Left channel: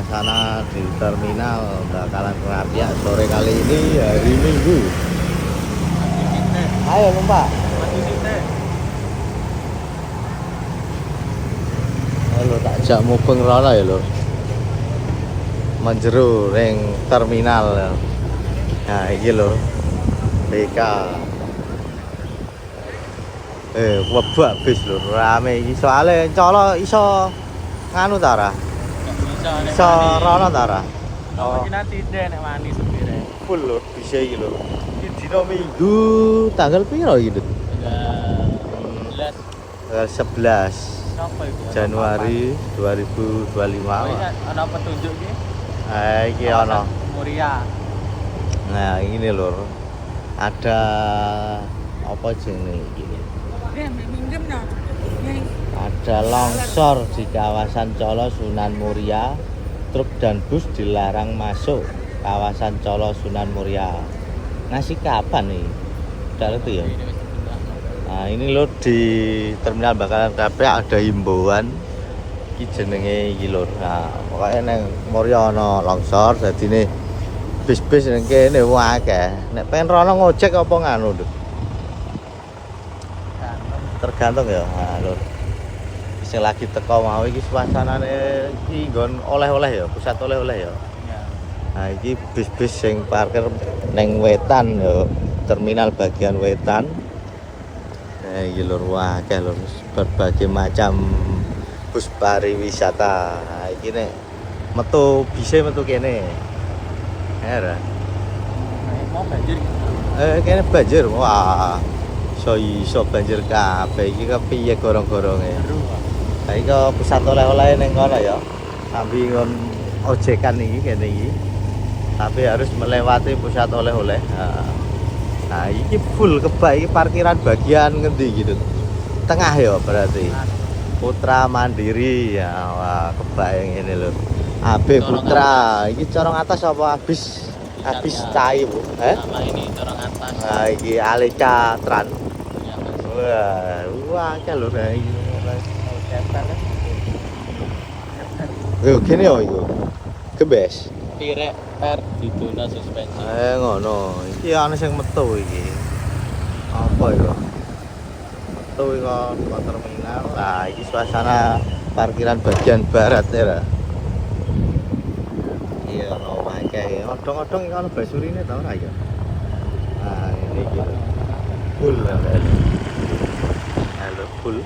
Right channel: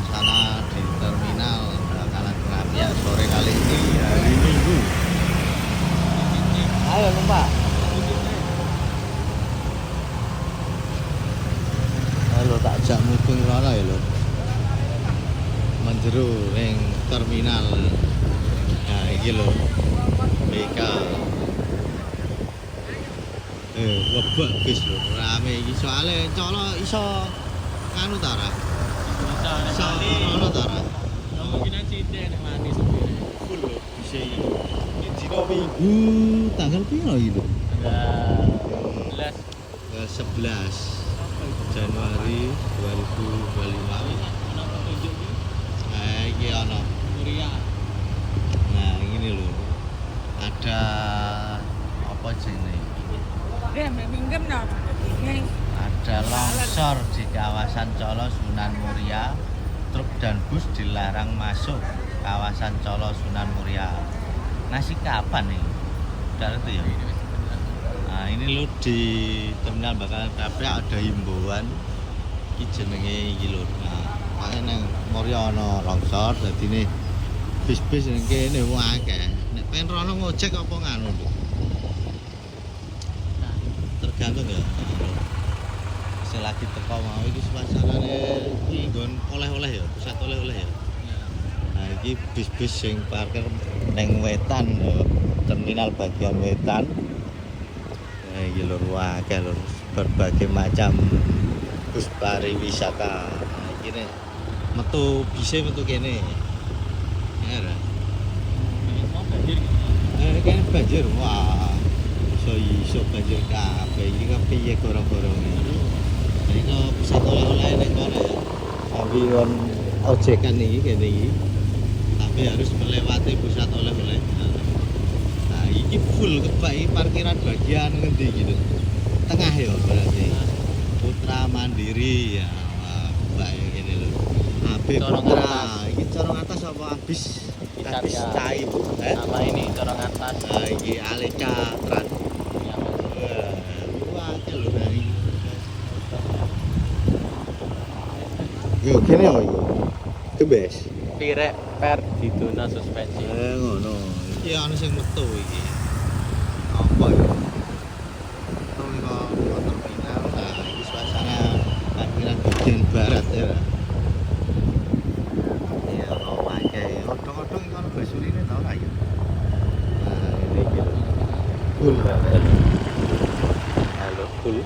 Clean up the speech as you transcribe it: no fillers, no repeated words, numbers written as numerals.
suasana di terminal bakalan kerapiak sore kali ini hari Minggu. Ayo numpak. Halo tak jak mubeng rono ya lho. Menjeru ring terminal. Nah iki lho. BK. Webak bis lho, rame iki soalnya colo iso nganu ta ra? Iso rono ta ra? Kemungkinan sithik nek manis. Full lho bisa iki lho. Iki dina Minggu tanggal piro iki lho? 11 Apa itu? Januari 2025. Ana petunjuk iki? Iki ana. Muria. Nah, ini lho. Ada apa jenenge iki? Ada longsor di kawasan Colo Sunan Muria. Truk dan bus dilarang masuk kawasan Colo Sunan Muria. Masih kapan nih? Udah itu ya. Nah ini loh di terminal bakalan kerapiak ada himbauan. Iki jenenge iki lho. Nah pokoknya neng Muria ana longsor. Jadi nih bis-bis neng kene akeh. Nek pengen rono ngojek apa nganu Duk? Tergantung ya. Nah lho. Sing lagi teko mau iki suasanane iki nggon oleh-oleh ya, pusat oleh-oleh ya. Nah iki bis-bis sing parkir neng wetan ya, terminal bagian wetan. Nah iki lho akeh lho berbagai macam bus pariwisata. Nah iki nek metu bise metu kene. Ya. Mau banjir. Kene banjir. Wah. Iso banjir kabeh iki kepiye gorong-goronge. Nah iki pusat oleh-oleh ning kono ya. Ambi kon ojekan iki kene iki. Tapi harus melewati pusat oleh-oleh. Nah, iki full kebak iki parkiran bagian ngendi gitu. Tengah ya berarti. Putra Mandiri ya. Wah, kebak yang ini loh. AB Putra. Iki corong atas apa habis cai, Bu? Sama ini corong atas. Nah, iki Aleca Tran. Wah, lho nah iki. Yo gini yo iku. Kebes. Tirek per didono suspensi. Ngono. Iki ana sing metu iki. Apa itu? Metu kok terminal. Nah, iki suasana parkiran bagian barat ya. Iya, lo akeh. Odong-odong iki ana basurine tau ora ya? Nah, ini gitu. Full ya. Halo, full.